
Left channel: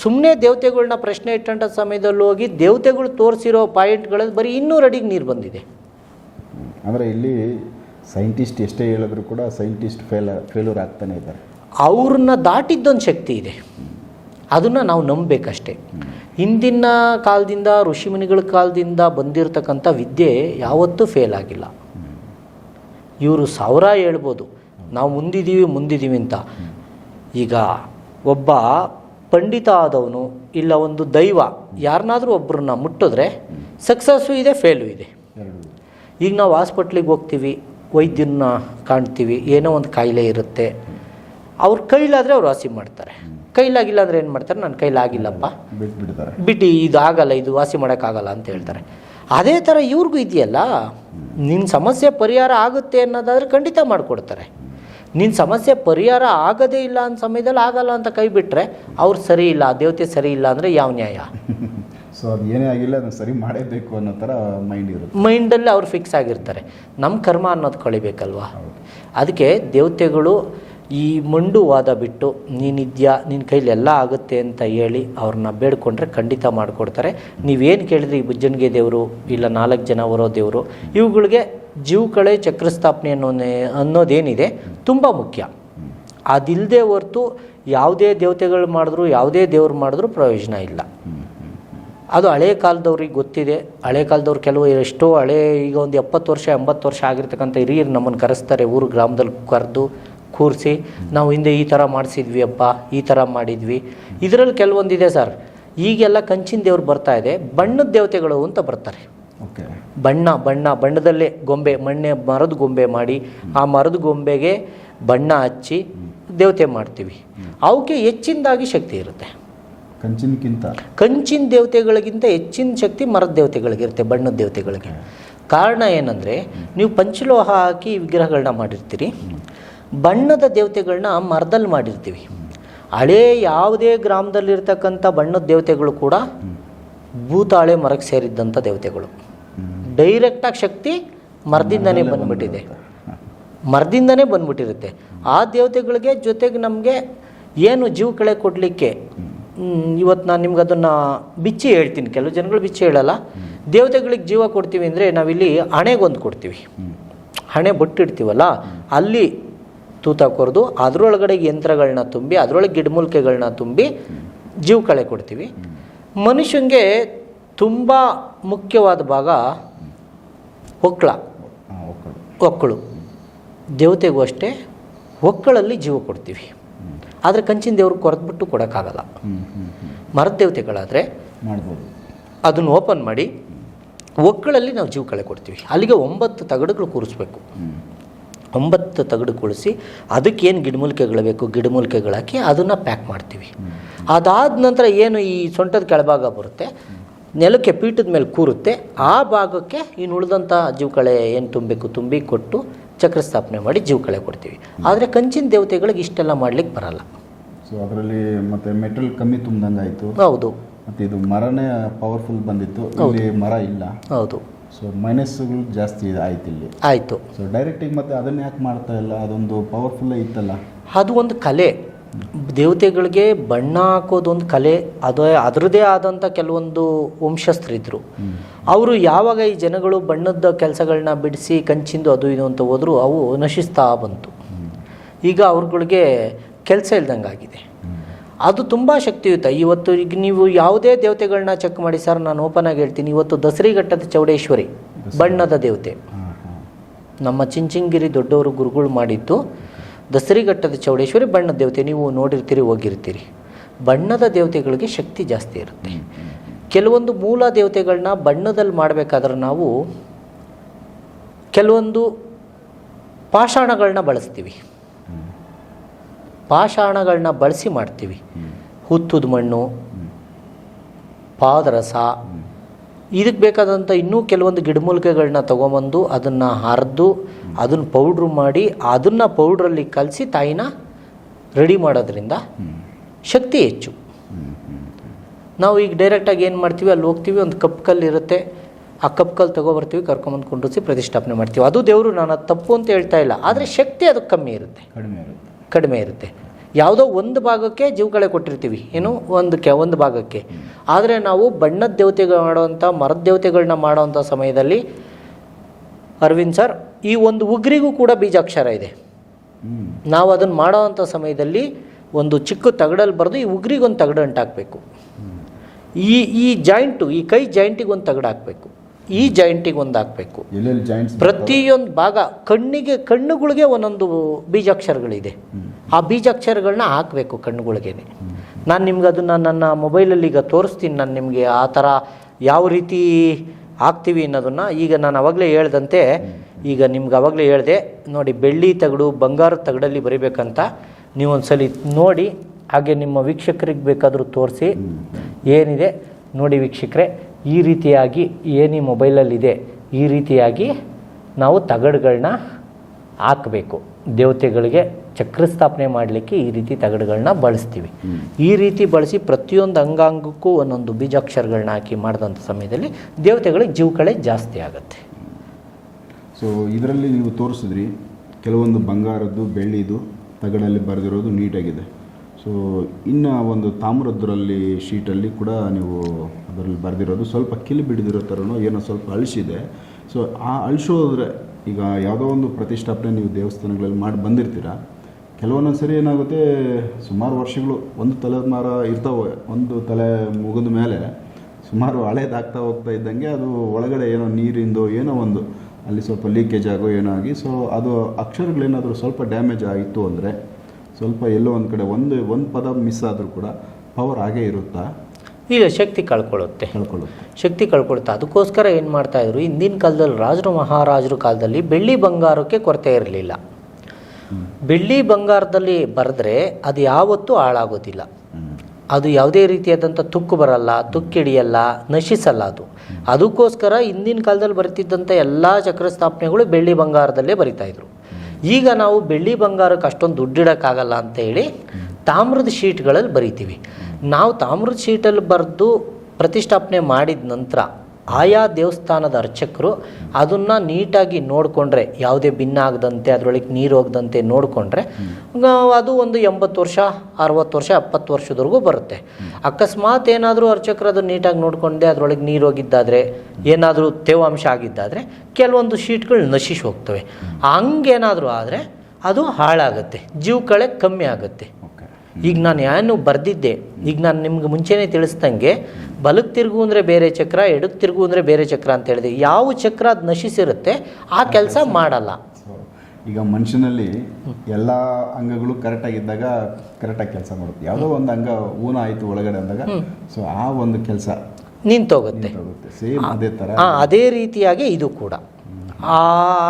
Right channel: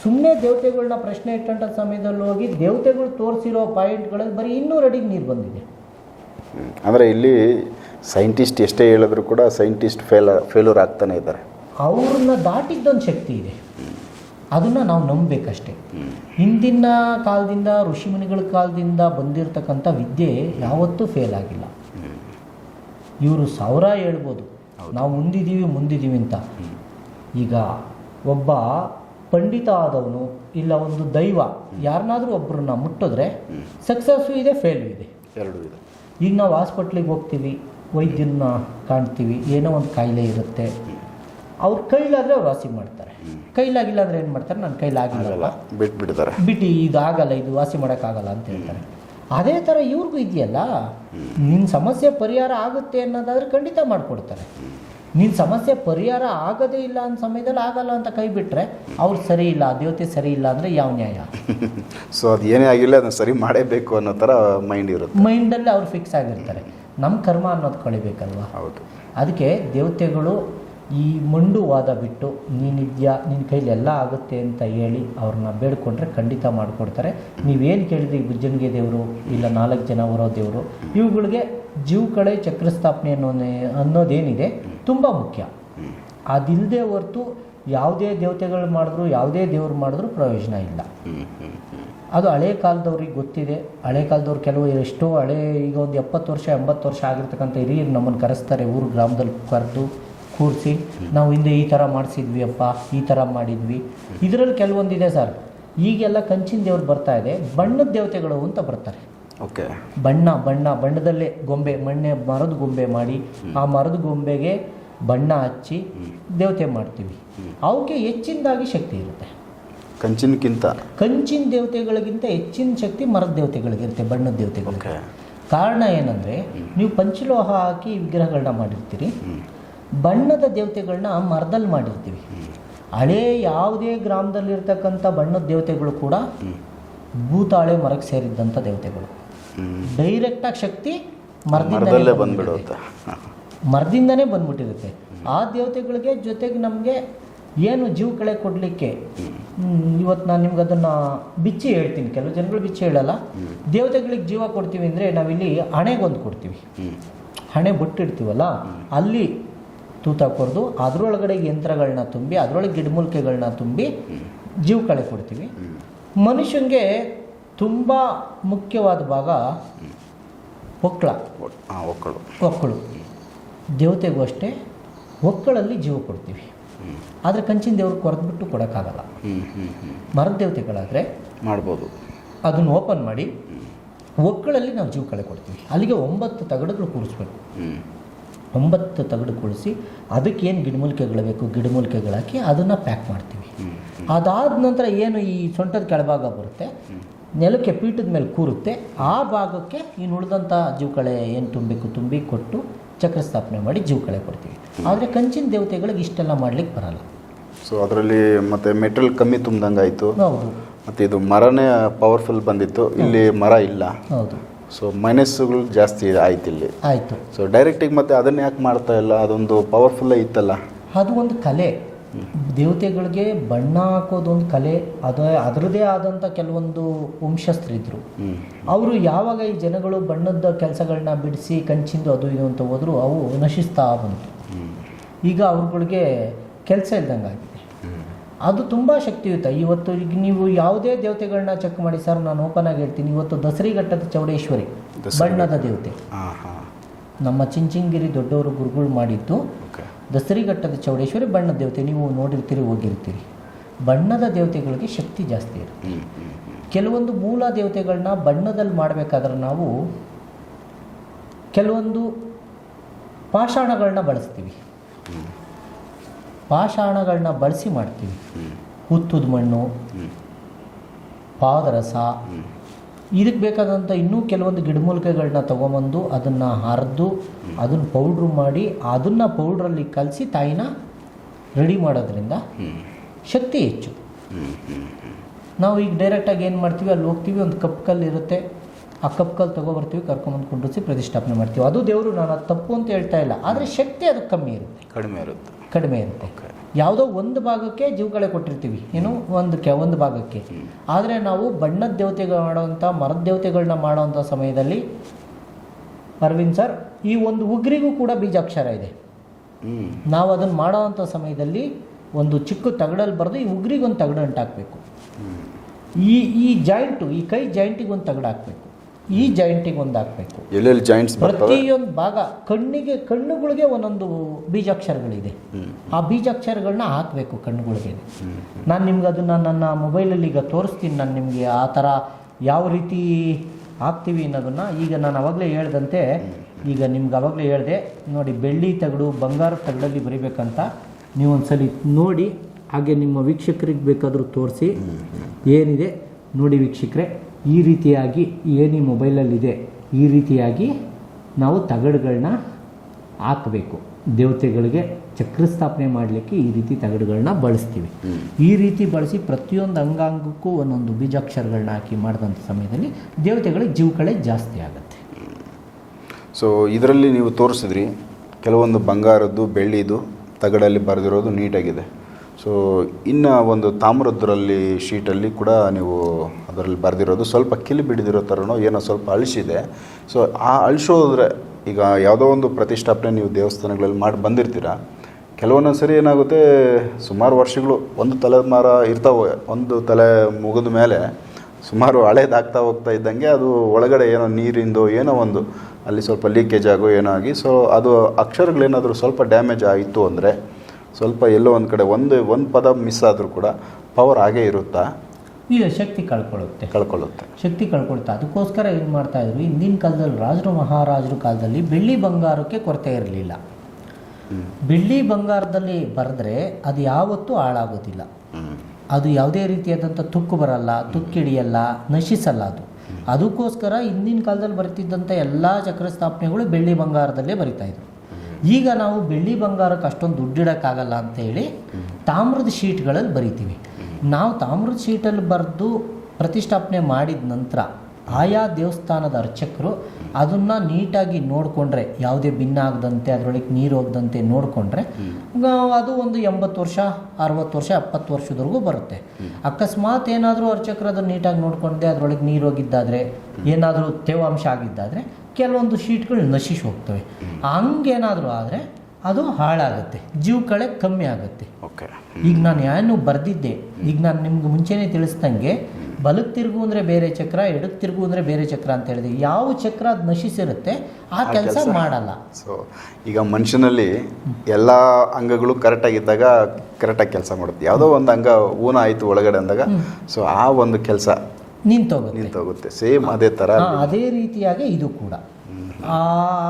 ಸುಮ್ಮನೆ ದೇವತೆಗಳನ್ನ ಪ್ರಶ್ನೆ ಇಟ್ಟಂಥ ಸಮಯದಲ್ಲಿ ಹೋಗಿ ದೇವತೆಗಳು ತೋರಿಸಿರೋ ಪಾಯಿಂಟ್ಗಳಲ್ಲಿ ಬರೀ 200 ಅಡಿಗೆ ನೀರು ಬಂದಿದೆ. ಅಂದರೆ ಇಲ್ಲಿ ಸೈಂಟಿಸ್ಟ್ ಎಷ್ಟೇ ಹೇಳಿದ್ರು ಕೂಡ ಸೈಂಟಿಸ್ಟ್ ಫೇಲ್ಯೂರ್ ಆಗ್ತಾನೆ ಇದ್ದಾರೆ. ಅವ್ರನ್ನ ದಾಟಿದ್ದೊಂದು ಶಕ್ತಿ ಇದೆ, ಅದನ್ನು ನಾವು ನಂಬಬೇಕಷ್ಟೇ. ಹಿಂದಿನ ಕಾಲದಿಂದ ಋಷಿಮುನಿಗಳ ಕಾಲದಿಂದ ಬಂದಿರತಕ್ಕಂಥ ವಿದ್ಯೆ ಯಾವತ್ತೂ ಫೇಲ್ ಆಗಿಲ್ಲ. ಇವರು 1000 ಹೇಳ್ಬೋದು ನಾವು ಮುಂದಿದ್ದೀವಿ ಅಂತ. ಈಗ ಒಬ್ಬ ಪಂಡಿತ ಆದವನು ಇಲ್ಲ ಒಂದು ದೈವ ಯಾರನ್ನಾದರೂ ಒಬ್ಬರನ್ನ ಮುಟ್ಟಿದ್ರೆ ಸಕ್ಸಸ್ಸು ಇದೆ, ಫೇಲು ಇದೆ, ಎರಡೂ ಇದೆ. ಈಗ ನಾವು ಹಾಸ್ಪಿಟ್ಲಿಗೆ ಹೋಗ್ತೀವಿ, ವೈದ್ಯನ ಕಾಣ್ತೀವಿ, ಏನೋ ಒಂದು ಕಾಯಿಲೆ ಇರುತ್ತೆ, ಅವ್ರ ಕೈಲಾದರೆ ಅವ್ರು ವಾಸಿ ಮಾಡ್ತಾರೆ, ಕೈಲಾಗಿಲ್ಲ ಅಂದರೆ ಏನು ಮಾಡ್ತಾರೆ, ನನ್ನ ಕೈಲಾಗಿಲ್ಲಪ್ಪ ಬಿಟ್ಬಿಡ್ತಾರೆ, ಇದು ಆಗಲ್ಲ, ಇದು ವಾಸಿ ಮಾಡೋಕ್ಕಾಗಲ್ಲ ಅಂತ ಹೇಳ್ತಾರೆ. ಅದೇ ಥರ ಇವ್ರಿಗೂ ಇದೆಯಲ್ಲ, ನಿನ್ನ ಸಮಸ್ಯೆ ಪರಿಹಾರ ಆಗುತ್ತೆ ಅನ್ನೋದಾದ್ರೆ ಖಂಡಿತ ಮಾಡಿಕೊಡ್ತಾರೆ. ನಿನ್ನ ಸಮಸ್ಯೆ ಪರಿಹಾರ ಆಗೋದೇ ಇಲ್ಲ ಅನ್ನೋ ಸಮಯದಲ್ಲಿ ಆಗಲ್ಲ ಅಂತ ಕೈ ಬಿಟ್ಟರೆ ಅವ್ರು ಸರಿ ಇಲ್ಲ, ದೇವತೆ ಸರಿ ಇಲ್ಲ ಅಂದರೆ ಯಾವ ನ್ಯಾಯ? ಸೊ ಅದು ಏನೇ ಆಗಿಲ್ಲ ಅದನ್ನು ಸರಿ ಮಾಡೇಬೇಕು ಅನ್ನೋ ಥರ ಮೈಂಡ್ ಇರುತ್ತೆ, ಮೈಂಡಲ್ಲಿ ಅವ್ರು ಫಿಕ್ಸ್ ಆಗಿರ್ತಾರೆ. ನಮ್ಮ ಕರ್ಮ ಅನ್ನೋದು ಕಳಿಬೇಕಲ್ವ. ಹೌದು. ಅದಕ್ಕೆ ದೇವತೆಗಳು ಈ ಮಂಡುವಾದ ಬಿಟ್ಟು ನೀನಿದ್ಯಾ, ನಿನ್ನ ಕೈಲಿ ಎಲ್ಲ ಆಗುತ್ತೆ ಅಂತ ಹೇಳಿ ಅವ್ರನ್ನ ಬೇಡ್ಕೊಂಡ್ರೆ ಖಂಡಿತ ಮಾಡಿಕೊಡ್ತಾರೆ. ನೀವೇನು ಕೇಳಿದ್ರಿ, ಈ ಬುಜ್ಜನ್ಗೆ ದೇವರು ಇಲ್ಲ 4 ಜನ ಬರೋ ದೇವರು, ಇವುಗಳಿಗೆ ಜೀವಕಳೆ ಚಕ್ರಸ್ಥಾಪನೆ ಅನ್ನೋದೇನಿದೆ ತುಂಬ ಮುಖ್ಯ. ಅದಿಲ್ಲದೆ ಹೊರತು ಯಾವುದೇ ದೇವತೆಗಳು ಮಾಡಿದ್ರು ಯಾವುದೇ ದೇವ್ರು ಮಾಡಿದ್ರು ಪ್ರಯೋಜನ ಇಲ್ಲ. ಅದು ಹಳೆ ಕಾಲದವ್ರಿಗೆ ಗೊತ್ತಿದೆ. ಹಳೆ ಕಾಲದವ್ರು ಕೆಲವು ಎಷ್ಟೋ ಈಗ ಒಂದು 70 ವರ್ಷ 80 ವರ್ಷ ಆಗಿರ್ತಕ್ಕಂಥ ಹಿರಿಯರು ನಮ್ಮನ್ನು ಕರೆಸ್ತಾರೆ, ಊರು ಗ್ರಾಮದಲ್ಲಿ ಕರೆದು ಕೂರಿಸಿ, ನಾವು ಹಿಂದೆ ಈ ಥರ ಮಾಡಿಸಿದ್ವಿ ಅಪ್ಪ, ಈ ಥರ ಮಾಡಿದ್ವಿ. ಇದರಲ್ಲಿ ಕೆಲವೊಂದಿದೆ ಸರ್, ಈಗೆಲ್ಲ ಕಂಚಿನ ದೇವ್ರು ಬರ್ತಾ ಇದೆ, ಬಣ್ಣದ ದೇವತೆಗಳು ಅಂತ ಬರ್ತಾರೆ. ಓಕೆ. ಬಣ್ಣದಲ್ಲೇ ಗೊಂಬೆ, ಮರದ ಗೊಂಬೆ ಮಾಡಿ ಆ ಮರದ ಗೊಂಬೆಗೆ ಬಣ್ಣ ಹಚ್ಚಿ ದೇವತೆ ಮಾಡ್ತೀವಿ. ಅವಕ್ಕೆ ಹೆಚ್ಚಿನದಾಗಿ ಶಕ್ತಿ ಇರುತ್ತೆ. ಕಂಚಿನ ದೇವತೆಗಳಿಗಿಂತ ಹೆಚ್ಚಿನ ಶಕ್ತಿ ಮರದ ದೇವತೆಗಳಿಗಿರುತ್ತೆ, ಬಣ್ಣದ ದೇವತೆಗಳಿಗೆ. ಕಾರಣ ಏನಂದರೆ, ನೀವು ಪಂಚಲೋಹ ಹಾಕಿ ವಿಗ್ರಹಗಳನ್ನ ಮಾಡಿರ್ತೀರಿ, ಬಣ್ಣದ ದೇವತೆಗಳನ್ನ ಮರದಲ್ಲಿ ಮಾಡಿರ್ತೀವಿ. ಹಳೇ ಯಾವುದೇ ಗ್ರಾಮದಲ್ಲಿರ್ತಕ್ಕಂಥ ಬಣ್ಣದ ದೇವತೆಗಳು ಕೂಡ ಭೂತಾಳೆ ಮರಕ್ಕೆ ಸೇರಿದ್ದಂಥ ದೇವತೆಗಳು. ಡೈರೆಕ್ಟಾಗಿ ಶಕ್ತಿ ಮರದಿಂದನೇ ಬಂದ್ಬಿಟ್ಟಿರುತ್ತೆ. ಆ ದೇವತೆಗಳಿಗೆ ಜೊತೆಗೆ ನಮಗೆ ಏನು ಜೀವ ಕಳೆ ಕೊಡಲಿಕ್ಕೆ, ಇವತ್ತು ನಾನು ನಿಮ್ಗೆ ಅದನ್ನು ಬಿಚ್ಚಿ ಹೇಳ್ತೀನಿ, ಕೆಲವು ಜನಗಳು ಬಿಚ್ಚಿ ಹೇಳಲ್ಲ. ದೇವತೆಗಳಿಗೆ ಜೀವ ಕೊಡ್ತೀವಿ ಅಂದರೆ ನಾವಿಲ್ಲಿ ಹಣೆಗೊಂದು ಕೊಡ್ತೀವಿ, ಹಣೆ ಬೊಟ್ಟಿಡ್ತೀವಲ್ಲ, ಅಲ್ಲಿ ತೂತ ಕೊರೆದು ಅದರೊಳಗಡೆ ಯಂತ್ರಗಳನ್ನ ತುಂಬಿ ಅದರೊಳಗೆ ಗಿಡಮೂಲಿಕೆಗಳನ್ನ ತುಂಬಿ ಜೀವ ಕಳೆ ಕೊಡ್ತೀವಿ. ಮನುಷ್ಯನಿಗೆ ತುಂಬ ಮುಖ್ಯವಾದ ಭಾಗ ಒಕ್ಕಳು. ದೇವತೆಗೂ ಅಷ್ಟೇ ಒಕ್ಕಳಲ್ಲಿ ಜೀವ ಕೊಡ್ತೀವಿ. ಆದರೆ ಕಂಚಿನ ದೇವ್ರಿಗೆ ಕೊರೆದ್ಬಿಟ್ಟು ಕೊಡೋಕ್ಕಾಗಲ್ಲ. ಮರದ ದೇವತೆಗಳಾದರೆ ಮಾಡ್ಬೋದು. ಅದನ್ನು ಓಪನ್ ಮಾಡಿ ಒಕ್ಕಳಲ್ಲಿ ನಾವು ಜೀವಕಳೆ ಕೊಡ್ತೀವಿ. ಅಲ್ಲಿಗೆ 9 ತಗಡುಗಳು ಕೂರಿಸ್ಬೇಕು. 9 ತಗಡು ಕೂರಿಸಿ ಅದಕ್ಕೇನು ಗಿಡಮೂಲಿಕೆಗಳು ಬೇಕು ಗಿಡಮೂಲಿಕೆಗಳು ಹಾಕಿ ಅದನ್ನು ಪ್ಯಾಕ್ ಮಾಡ್ತೀವಿ. ಅದಾದ ನಂತರ ಏನು ಈ ಸೊಂಟದ ಕೆಳಭಾಗ ಬರುತ್ತೆ, ನೆಲಕ್ಕೆ ಪೀಠದ ಮೇಲೆ ಕೂರುತ್ತೆ, ಆ ಭಾಗಕ್ಕೆ ಇನ್ನು ಉಳಿದಂಥ ಜೀವಕಳೆ ಏನು ತುಂಬಬೇಕು ತುಂಬಿ ಕೊಟ್ಟು ಚಕ್ರ ಸ್ಥಾಪನೆ ಮಾಡಿ ಜೀವಕಳೆ ಕೊಡ್ತೀವಿ. ಆದರೆ ಕಂಚಿನ ದೇವತೆಗಳಿಗೆ ಇಷ್ಟೆಲ್ಲ ಮಾಡ್ಲಿಕ್ಕೆ ಬರಲ್ಲ. ಸೊ ಅದರಲ್ಲಿ ಮತ್ತೆ ಮೆಟಲ್ ಕಮ್ಮಿ ತುಂಬ್ದಂಗೆ ಆಯಿತು. ಹೌದು. ಮತ್ತು ಇದು ಮರನೇ ಪವರ್ಫುಲ್ ಬಂದಿತ್ತು, ಇಲ್ಲಿ ಮರ ಇಲ್ಲ. ಹೌದು. ಸೊ ಮೈನಸ್ಗಳು ಜಾಸ್ತಿ ಆಯ್ತು ಇಲ್ಲಿ. ಆಯಿತು. ಸೊ ಡೈರೆಕ್ಟಿಗೆ ಮತ್ತೆ ಅದನ್ನು ಯಾಕೆ ಮಾಡ್ತಾ ಇಲ್ಲ? ಅದೊಂದು ಪವರ್ಫುಲ್ಲೇ ಇತ್ತಲ್ಲ. ಅದು ಒಂದು ಕಲೆ. ದೇವತೆಗಳಿಗೆ ಬಣ್ಣ ಹಾಕೋದೊಂದು ಕಲೆ. ಅದರದೇ ಆದಂಥ ಕೆಲವೊಂದು ವಂಶಸ್ಥರಿದ್ದರು. ಅವರು ಯಾವಾಗ ಈ ಜನಗಳು ಬಣ್ಣದ ಕೆಲಸಗಳನ್ನ ಬಿಡಿಸಿ ಕಂಚಿಂದು ಅದು ಇದು ಅಂತ ಹೋದ್ರು ಅವು ನಶಿಸ್ತಾ ಬಂತು. ಈಗ ಅವ್ರುಗಳಿಗೆ ಕೆಲಸ ಇಲ್ದಂಗೆ ಆಗಿದೆ. ಅದು ತುಂಬ ಶಕ್ತಿಯುತ. ಇವತ್ತು ಈಗ ನೀವು ಯಾವುದೇ ದೇವತೆಗಳನ್ನ ಚೆಕ್ ಮಾಡಿ ಸರ್, ನಾನು ಓಪನ್ ಆಗಿ ಹೇಳ್ತೀನಿ, ಇವತ್ತು ದಸರಿಘಟ್ಟದ ಚೌಡೇಶ್ವರಿ ಬಣ್ಣದ ದೇವತೆ. ನಮ್ಮ ಚಿಂಚಿಂಗಿರಿ ದೊಡ್ಡವರು ಗುರುಗಳು ಮಾಡಿದ್ದು ದಸರಿಘಟ್ಟದ ಚೌಡೇಶ್ವರಿ ಬಣ್ಣದ ದೇವತೆ. ನೀವು ನೋಡಿರ್ತೀರಿ, ಹೋಗಿರ್ತೀರಿ. ಬಣ್ಣದ ದೇವತೆಗಳಿಗೆ ಶಕ್ತಿ ಜಾಸ್ತಿ ಇರುತ್ತೆ. ಕೆಲವೊಂದು ಮೂಲ ದೇವತೆಗಳನ್ನ ಬಣ್ಣದಲ್ಲಿ ಮಾಡಬೇಕಾದ್ರೆ ನಾವು ಕೆಲವೊಂದು ಪಾಷಾಣಗಳನ್ನ ಬಳಸ್ತೀವಿ. ಪಾಷಾಣಗಳನ್ನ ಬಳಸಿ ಮಾಡ್ತೀವಿ. ಹುತ್ತದ ಮಣ್ಣು, ಪಾದರಸ, ಇದಕ್ಕೆ ಬೇಕಾದಂಥ ಇನ್ನೂ ಕೆಲವೊಂದು ಗಿಡಮೂಲಿಕೆಗಳನ್ನ ತೊಗೊಂಬಂದು ಅದನ್ನು ಹರಿದು ಅದನ್ನು ಪೌಡ್ರು ಮಾಡಿ ಅದನ್ನು ಪೌಡ್ರಲ್ಲಿ ಕಲಸಿ ತಾಯಿನ ರೆಡಿ ಮಾಡೋದ್ರಿಂದ ಶಕ್ತಿ ಹೆಚ್ಚು. ನಾವು ಈಗ ಡೈರೆಕ್ಟಾಗಿ ಏನು ಮಾಡ್ತೀವಿ, ಅಲ್ಲಿ ಹೋಗ್ತೀವಿ, ಒಂದು ಕಪ್ಪು ಕಲ್ಲು ಇರುತ್ತೆ, ಆ ಕಪ್ಪು ಕಲ್ಲು ತೊಗೊಬರ್ತೀವಿ, ಕರ್ಕೊಂಬಂದು ಕುಂಡ್ರಿಸಿ ಪ್ರತಿಷ್ಠಾಪನೆ ಮಾಡ್ತೀವಿ. ಅದು ದೇವರು, ನಾನು ಅದು ತಪ್ಪು ಅಂತ ಹೇಳ್ತಾ ಇಲ್ಲ, ಆದರೆ ಶಕ್ತಿ ಅದಕ್ಕೆ ಕಡಿಮೆ ಇರುತ್ತೆ. ಯಾವುದೋ ಒಂದು ಭಾಗಕ್ಕೆ ಜೀವಕಳೆ ಕೊಟ್ಟಿರ್ತೀವಿ, ಏನು ಒಂದು ಭಾಗಕ್ಕೆ. ಆದರೆ ನಾವು ಬಣ್ಣದ ದೇವತೆಗಳು ಮಾಡುವಂಥ ಮರದ ದೇವತೆಗಳನ್ನ ಮಾಡೋವಂಥ ಸಮಯದಲ್ಲಿ ಅರವಿಂದ್ ಸರ್, ಈ ಒಂದು ಉಗ್ರಿಗೂ ಕೂಡ ಬೀಜಾಕ್ಷರ ಇದೆ. ನಾವು ಅದನ್ನು ಮಾಡೋವಂಥ ಸಮಯದಲ್ಲಿ ಒಂದು ಚಿಕ್ಕ ತಗಡಲ್ಲಿ ಬರೆದು ಈ ಉಗ್ರಿಗೊಂದು ತಗಡು ಅಂಟಾಕಬೇಕು. ಈ ಜಾಯಿಂಟು, ಈ ಕೈ ಜಾಯಿಂಟಿಗೆ ಒಂದು ತಗಡು ಹಾಕಬೇಕು, ಈ ಜಾಯಿಂಟಿಗೆ ಒಂದು ಹಾಕಬೇಕು. ಎಲ್ಲೆಲ್ಲಿ ಜಾಯಿಂಟ್ಸ್ ಪ್ರತಿಯೊಂದು ಭಾಗ ಕಣ್ಣುಗಳಿಗೆ ಒಂದೊಂದು ಬೀಜಾಕ್ಷರಗಳಿದೆ. ಆ ಬೀಜಾಕ್ಷರಗಳನ್ನ ಹಾಕಬೇಕು ಕಣ್ಣುಗಳಿಗೆ. ನಾನು ನಿಮ್ಗೆ ಅದನ್ನು ನನ್ನ ಮೊಬೈಲಲ್ಲಿ ಈಗ ತೋರಿಸ್ತೀನಿ. ನಾನು ನಿಮಗೆ ಆ ಥರ ಯಾವ ರೀತಿ ಹಾಕ್ತೀವಿ ಅನ್ನೋದನ್ನು ಈಗ ನಾನು ಅವಾಗಲೇ ಹೇಳ್ದಂತೆ, ಈಗ ನಿಮ್ಗೆ ಅವಾಗಲೇ ಹೇಳಿದೆ ನೋಡಿ, ಬೆಳ್ಳಿ ತಗಡು ಬಂಗಾರದ ತಗಡಲ್ಲಿ ಬರಿಬೇಕಂತ ನೀವೊಂದ್ಸಲಿ ನೋಡಿ. ಹಾಗೆ ನಿಮ್ಮ ವೀಕ್ಷಕರಿಗೆ ಬೇಕಾದರೂ ತೋರಿಸಿ ಏನಿದೆ ನೋಡಿ ವೀಕ್ಷಕರೇ. ಈ ರೀತಿಯಾಗಿ ಏನು ಈ ಮೊಬೈಲಲ್ಲಿದೆ, ಈ ರೀತಿಯಾಗಿ ನಾವು ತಗಡುಗಳನ್ನ ಹಾಕಬೇಕು. ದೇವತೆಗಳಿಗೆ ಚಕ್ರ ಸ್ಥಾಪನೆ ಮಾಡಲಿಕ್ಕೆ ಈ ರೀತಿ ತಗಡುಗಳನ್ನ ಬಳಸ್ತೀವಿ. ಈ ರೀತಿ ಬಳಸಿ ಪ್ರತಿಯೊಂದು ಅಂಗಾಂಗಕ್ಕೂ ಒಂದೊಂದು ಬೀಜಾಕ್ಷರಗಳನ್ನ ಹಾಕಿ ಮಾಡಿದಂಥ ಸಮಯದಲ್ಲಿ ದೇವತೆಗಳಿಗೆ ಜೀವಕಳೆ ಜಾಸ್ತಿ ಆಗುತ್ತೆ. ಸೊ ಇದರಲ್ಲಿ ನೀವು ತೋರಿಸಿದ್ರಿ ಕೆಲವೊಂದು ಬಂಗಾರದ್ದು ಬೆಳ್ಳಿದು ತಗಡಲ್ಲಿ ಬರೆದಿರೋದು ನೀಟಾಗಿದೆ. ಸೊ ಇನ್ನು ಒಂದು ತಾಮ್ರದ್ರಲ್ಲಿ ಶೀಟಲ್ಲಿ ಕೂಡ ನೀವು ಅದರಲ್ಲಿ ಬರೆದಿರೋದು ಸ್ವಲ್ಪ ಕಿಲಿ ಬಿಡಿದಿರೋ ಥರನೋ ಏನೋ ಸ್ವಲ್ಪ ಅಳಿಸಿದೆ. ಸೊ ಆ ಅಳಿಸೋದ್ರೆ ಈಗ ಯಾವುದೋ ಒಂದು ಪ್ರತಿಷ್ಠಾಪನೆ ನೀವು ದೇವಸ್ಥಾನಗಳಲ್ಲಿ ಮಾಡಿ ಬಂದಿರ್ತೀರ, ಕೆಲವೊಂದೊಂದು ಸರಿ ಏನಾಗುತ್ತೆ, ಸುಮಾರು ವರ್ಷಗಳು ಒಂದು ತಲೆಮಾರ ಇರ್ತಾವೆ, ಒಂದು ತಲೆ ಮುಗಿದ ಮೇಲೆ ಸುಮಾರು ಹಳೇದಾಗ್ತಾ ಹೋಗ್ತಾ ಇದ್ದಂಗೆ ಅದು ಒಳಗಡೆ ಏನೋ ನೀರಿಂದು ಏನೋ ಒಂದು ಅಲ್ಲಿ ಸ್ವಲ್ಪ ಲೀಕೇಜ್ ಆಗೋ ಏನೋ ಆಗಿ, ಸೊ ಅದು ಅಕ್ಷರಗಳೇನಾದರೂ ಸ್ವಲ್ಪ ಡ್ಯಾಮೇಜ್ ಆಯಿತು ಅಂದರೆ ಸ್ವಲ್ಪ ಎಲ್ಲೋ ಒಂದು ಕಡೆ ಒಂದು ಪದ ಮಿಸ್ ಆದರೂ ಕೂಡ ಪವರ್ ಆಗೇ ಇರುತ್ತಾ? ಇಲ್ಲ, ಶಕ್ತಿ ಕಳ್ಕೊಳ್ಳುತ್ತೆ. ಶಕ್ತಿ ಕಳ್ಕೊಳುತ್ತೆ. ಅದಕ್ಕೋಸ್ಕರ ಏನು ಮಾಡ್ತಾಯಿದ್ರು ಹಿಂದಿನ ಕಾಲದಲ್ಲಿ, ರಾಜರು ಮಹಾರಾಜರು ಕಾಲದಲ್ಲಿ ಬೆಳ್ಳಿ ಬಂಗಾರಕ್ಕೆ ಕೊರತೆ ಇರಲಿಲ್ಲ. ಬೆಳ್ಳಿ ಬಂಗಾರದಲ್ಲಿ ಬರೆದ್ರೆ ಅದು ಯಾವತ್ತೂ ಹಾಳಾಗೋದಿಲ್ಲ. ಅದು ಯಾವುದೇ ರೀತಿಯಾದಂಥ ತುಕ್ಕು ಬರಲ್ಲ, ತುಕ್ಕಿಡಿಯಲ್ಲ, ನಶಿಸಲ್ಲ ಅದು. ಅದಕ್ಕೋಸ್ಕರ ಹಿಂದಿನ ಕಾಲದಲ್ಲಿ ಬರೀತಿದ್ದಂಥ ಎಲ್ಲ ಚಕ್ರ ಸ್ಥಾಪನೆಗಳು ಬೆಳ್ಳಿ ಬಂಗಾರದಲ್ಲೇ ಬರಿತಾಯಿದ್ರು. ಈಗ ನಾವು ಬೆಳ್ಳಿ ಬಂಗಾರಕ್ಕೆ ಅಷ್ಟೊಂದು ದುಡ್ಡಿಡೋಕ್ಕಾಗಲ್ಲ ಅಂತೇಳಿ ತಾಮ್ರದ ಶೀಟ್ಗಳಲ್ಲಿ ಬರಿತೀವಿ. ನಾವು ತಾಮ್ರದ ಶೀಟಲ್ಲಿ ಬರೆದು ಪ್ರತಿಷ್ಠಾಪನೆ ಮಾಡಿದ ನಂತರ ಆಯಾ ದೇವಸ್ಥಾನದ ಅರ್ಚಕರು ಅದನ್ನು ನೀಟಾಗಿ ನೋಡಿಕೊಂಡ್ರೆ, ಯಾವುದೇ ಭಿನ್ನ ಆಗದಂತೆ, ಅದರೊಳಗೆ ನೀರು ಹೋಗದಂತೆ ನೋಡಿಕೊಂಡ್ರೆ ಅದು ಒಂದು 80 ವರ್ಷ, 60 ವರ್ಷ, 70 ವರ್ಷದವರೆಗೂ ಬರುತ್ತೆ. ಅಕಸ್ಮಾತ್ ಏನಾದರೂ ಅರ್ಚಕರು ಅದನ್ನು ನೀಟಾಗಿ ನೋಡಿಕೊಂಡೆ ಅದರೊಳಗೆ ನೀರು ಹೋಗಿದ್ದಾದರೆ, ಏನಾದರೂ ತೇವಾಂಶ ಆಗಿದ್ದಾದರೆ ಕೆಲವೊಂದು ಶೀಟ್ಗಳು ನಶಿಸಿ ಹೋಗ್ತವೆ. ಹಂಗೇನಾದರೂ ಆದರೆ ಅದು ಹಾಳಾಗುತ್ತೆ, ಜೀವಕಳೆ ಕಮ್ಮಿ ಆಗುತ್ತೆ. ಓಕೆ. ಈಗ ನಾನು ಏನು ಬರೆದಿದ್ದೆ, ಈಗ ನಾನು ನಿಮ್ಗೆ ಮುಂಚೆನೇ ತಿಳಿಸ್ದಂಗೆ ಬಲಕ್ಕೆ ತಿರುಗು ಅಂದರೆ ಬೇರೆ ಚಕ್ರ, ಎಡಕ್ಕೆ ತಿರುಗು ಅಂದರೆ ಬೇರೆ ಚಕ್ರ ಅಂತ ಹೇಳಿದೆ. ಯಾವ ಚಕ್ರ ಅದು ನಶಿಸಿರುತ್ತೆ ಆ ಕೆಲಸ ಮಾಡಲ್ಲ. ಸೊ ಈಗ ಮನುಷ್ಯನಲ್ಲಿ ಎಲ್ಲ ಅಂಗಗಳು ಕರೆಕ್ಟಾಗಿದ್ದಾಗ ಕರೆಕ್ಟಾಗಿ ಕೆಲಸ ಮಾಡುತ್ತೆ. ಯಾವುದೋ ಒಂದು ಅಂಗ ಊನ ಆಯಿತು ಒಳಗಡೆ ಅಂದಾಗ ಸೊ ಆ ಒಂದು ಕೆಲಸ ನಿಂತೋಗುತ್ತೆ. ಸೇಮ್ ಅದೇ ಥರ ಅದೇ ರೀತಿಯಾಗಿ ಇದು ಕೂಡ ಆ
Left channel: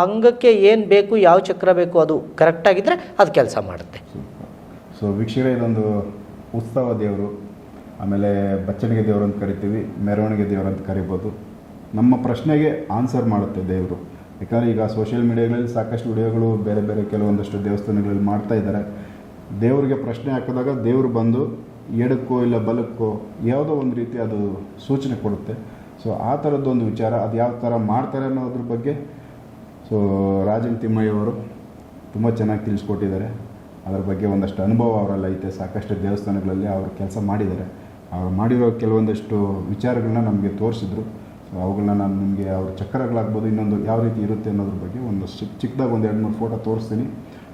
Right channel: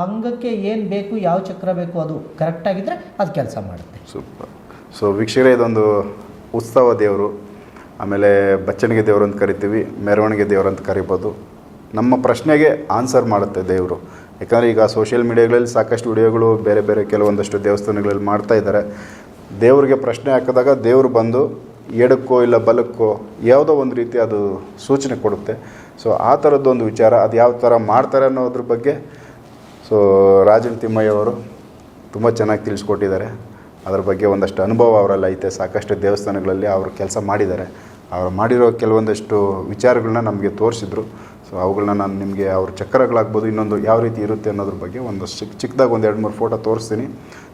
ಅಂಗಕ್ಕೆ ಏನು ಬೇಕು, ಯಾವ ಚಕ್ರ ಬೇಕು ಅದು ಕರೆಕ್ಟಾಗಿದ್ದರೆ ಅದು ಕೆಲಸ ಮಾಡುತ್ತೆ. ಸೂಪರ್. ಸೊ ವೀಕ್ಷಕರೇ, ಇದೊಂದು ಉತ್ಸವ ದೇವರು, ಆಮೇಲೆ ಬಚ್ಚಣಿಗೆ ದೇವರು ಅಂತ ಕರಿತೀವಿ, ಮೆರವಣಿಗೆ ದೇವರು ಅಂತ ಕರಿಬೋದು. ನಮ್ಮ ಪ್ರಶ್ನೆಗೆ ಆನ್ಸರ್ ಮಾಡುತ್ತೆ ದೇವರು. ಯಾಕಂದರೆ ಈಗ ಸೋಷಿಯಲ್ ಮೀಡಿಯಾಗಳಲ್ಲಿ ಸಾಕಷ್ಟು ವಿಡಿಯೋಗಳು ಬೇರೆ ಬೇರೆ ಕೆಲವೊಂದಷ್ಟು ದೇವಸ್ಥಾನಗಳಲ್ಲಿ ಮಾಡ್ತಾ ಇದ್ದಾರೆ. ದೇವರಿಗೆ ಪ್ರಶ್ನೆ ಹಾಕಿದಾಗ ದೇವರು ಬಂದು ಎಡಕ್ಕೋ ಇಲ್ಲ ಬಲಕ್ಕೋ ಯಾವುದೋ ಒಂದು ರೀತಿ ಅದು ಸೂಚನೆ ಕೊಡುತ್ತೆ. ಸೊ ಆ ಥರದ್ದೊಂದು ವಿಚಾರ, ಅದು ಯಾವ ಥರ ಮಾಡ್ತಾರೆ ಅನ್ನೋದ್ರ ಬಗ್ಗೆ ಸೊ ರಾಜನ್ ತಿಮ್ಮಯ್ಯ ಅವರು ತುಂಬ ಚೆನ್ನಾಗಿ ತಿಳಿಸ್ಕೊಟ್ಟಿದ್ದಾರೆ. ಅದರ ಬಗ್ಗೆ ಒಂದಷ್ಟು ಅನುಭವ ಅವರಲ್ಲಿ ಐತೆ. ಸಾಕಷ್ಟು ದೇವಸ್ಥಾನಗಳಲ್ಲಿ ಅವರು ಕೆಲಸ ಮಾಡಿದ್ದಾರೆ. ಅವರು ಮಾಡಿರೋ ಕೆಲವೊಂದಷ್ಟು ವಿಚಾರಗಳನ್ನ ನಮಗೆ ತೋರಿಸಿದ್ರು. ಸೊ ಅವುಗಳನ್ನ ನಾನು ನಿಮಗೆ ಅವ್ರ ಚಕ್ರಗಳಾಗ್ಬೋದು, ಇನ್ನೊಂದು ಯಾವ ರೀತಿ ಇರುತ್ತೆ ಅನ್ನೋದ್ರ ಬಗ್ಗೆ ಒಂದು ಚಿಕ್ಕದಾಗಿ ಒಂದು 2-3 ಫೋಟೋ ತೋರಿಸ್ತೀನಿ.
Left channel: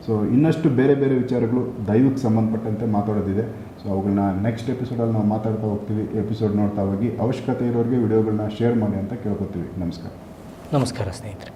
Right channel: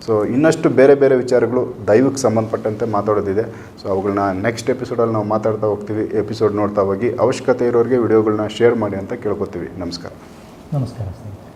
ಸೊ ಇನ್ನಷ್ಟು ಬೇರೆ ಬೇರೆ ವಿಚಾರಗಳು ದೈವಕ್ಕೆ ಸಂಬಂಧಪಟ್ಟಂತೆ ಮಾತಾಡೋದಿದೆ. ಸೊ ಅವುಗಳನ್ನ ನೆಕ್ಸ್ಟ್ ಎಪಿಸೋಡಲ್ಲಿ ನಾವು ಮಾತಾಡ್ತಾ ಹೋಗ್ತೀವಿ. ಎಪಿಸೋಡ್ ನೋಡ್ತಾ ಹೋಗಿ ಅವಶ್ಯಕತೆ ಇರೋರಿಗೆ ವಿಡಿಯೋಗಳನ್ನ ಶೇರ್ ಮಾಡಿ ಅಂತ ಕೇಳ್ಕೊತೀವಿ. ನಮಸ್ಕಾರ. ನಮಸ್ಕಾರ ಸ್ನೇಹಿತರೆ.